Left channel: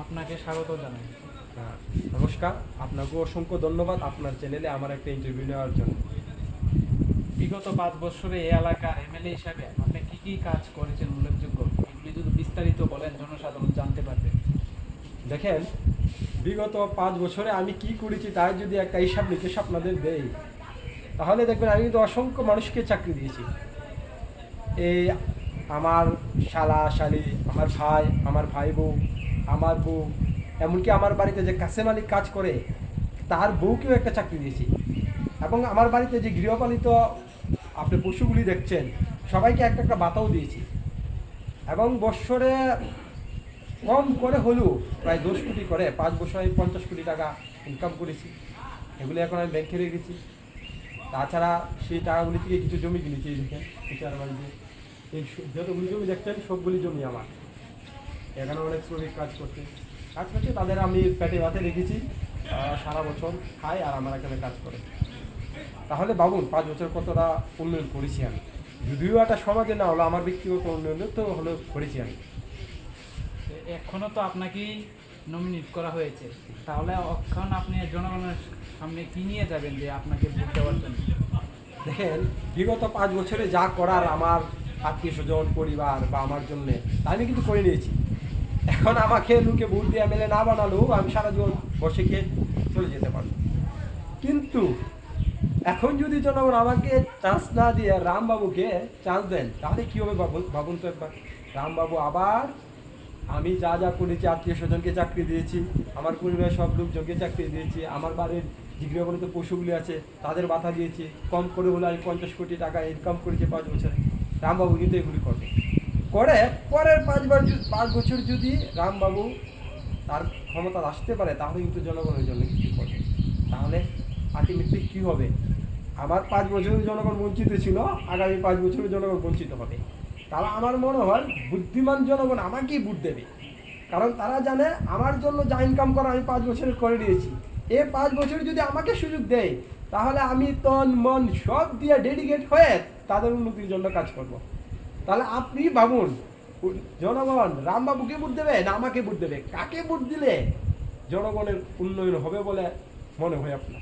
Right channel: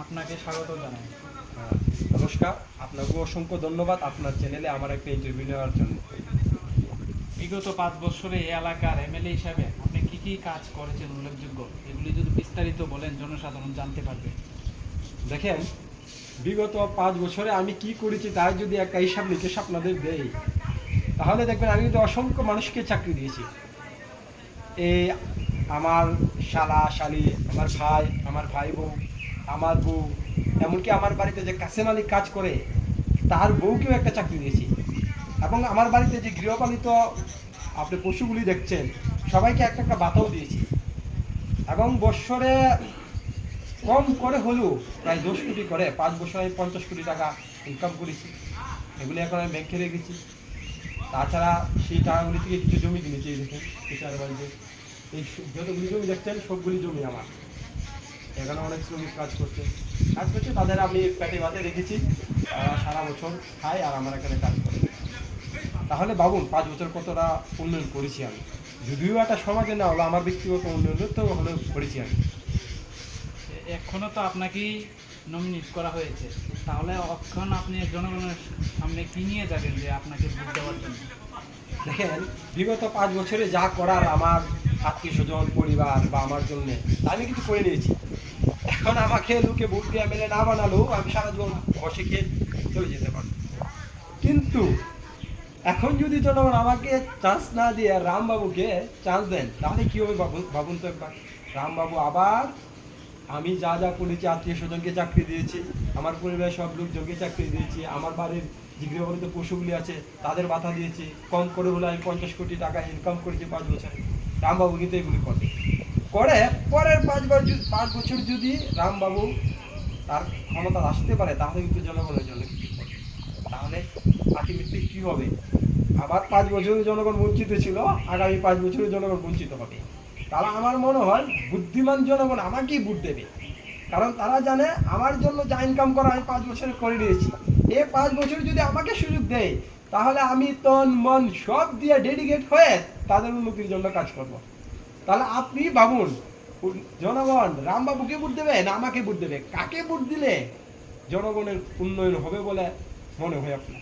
আপনাকে স্বাগত জানাই। নমস্কার, আপনাকে অসংখ্য ধন্যবাদ আপনার চ্যানেলে আমার একটা ইন্টারভিউ নেওয়ার জন্য। বিগত 5 বছরে এই এলাকার এমএলএ হিসাবে আপনি কি কি কাজ করেছেন উল্লেখযোগ্য, এগুলি যদি বিস্তারিত বলেন জনসাধারণ জানতে পারবে। দেখেন, বিগত 5 বছরে আমি কি করেছি তার যদি একটা হিসাব নিকেশ আপনাদের দেই, তাহলে দেখবেন আমি তো অসংখ্য মানুষকে চাকরি দিয়েছি। এই আমার শালা শালি, আমার ভাই বউ, আমার বউ, এমনকি আমার বাড়িতে যে কাসেম আলী কাজ করে তার বউকেও একটা চাকরি দিয়েছি। এবং আমার বাড়িতে যে গৃহপালিত আপনি পশুগুলি দেখছেন সবাইকে একটা একটা বাতাও দিয়েছি। এবং বৎসরে কম করে হলেও প্রায় 10 কোটি করে 5 বছর আমি 50 কোটি টাকা ইনকাম করেছি। এগুলি এখন আমি ব্যাংকে রেখেছি। তাছাড়া সেই টাকাগুলি থেকে কিছু জমি কিনেছি। দেখেন পিতার বাড়িতে এই যতগুলি জমি দেখছেন সবগুলি জমি আমার। এখানে অনেক শ্রমিক কাজ করছে, তাদের আমি পেটে ভাতে রেখেছি। তারা সারা বছর খায় আর আমার এখানে কাজ করে। তাহলে ভাবুন 5 বছর কতটা উন্নয়ন করেছি আমি। যদিও একটা সমাজে না হলো, আমার ব্যক্তিগত উন্নয়ন তো হলেও করেছি আমি। এখনও তো আপনাকেই নমিনেট করা হয়েছে, তাহলে এখন আপনি জনগণের সামনে কি নিয়ে যাবেন যে আপনাকে ভোট দেওয়ার জন্য? দেখেন, বিগত 5 বছরে যা করার আমার আত্মীয় স্বজন পরিবার বা আমার জন্যে তা আমি কিন্তু করে নিয়েছি। এখন আমাকে লোকে ভোট দিয়ে মেলে না বানালেও আমি সারা জীবন বসে খেয়ে চলে যেতে পারবো। কিন্তু এখন যদি জনগণ আমাকে চান্স না দিয়ে রামবাবুকে চান্স দেন, তাহলে কী হবে ভাবুন তো একবার। রামবাবু আবার আমি যা যা করেছি, আত্মীয় স্বজনকে চাকরি দিয়েছি, আমার পরিবারের সব লোকজনকে চাকরি দিয়েছি, আমার বাড়ির যে গৃহপালিত পশুগুলি আছে তাদের বাধা দিয়েছি। কম করে হলে আমি 50 কোটি টাকা ইনকাম করেছি 5 বছরে। রামবাবু কিন্তু এগুলি করে পরের 5 বছর যদি রামবাবু তার ক্ষমতা আসতে পারে, তাহলে কিন্তু জনগণের জন্য কিছু করে। তাহলে আলটিমেটলি কী হবে? আমার 5 বছরের জনগণ বঞ্চিত ছিল, আগামী 5 বছরের জনগণ বঞ্চিত হবে। তারা আমার মনে হয় বুদ্ধিমান জনগণ আমাকেই ভোট দেবে। কারণ তারা জানে আমার জন্য যা ইনকাম করা আমি 5 বছরে করে দিয়েছি। 5 বছর যদি আমাকে সুযোগ দেয়, তাহলে আমি তন মন সব দিয়ে ডেডিকেট হয়ে তাদের উন্নতির জন্য কাজ করব। তাহলে আপনি ভাবুন, জনগণ রামবাবুকে ভোট দেবে না আমাকে ভোট দেবে? কাকে ভোট দিলে জনগণের উন্নয়ন হবে বলে মনে হয় আপনার?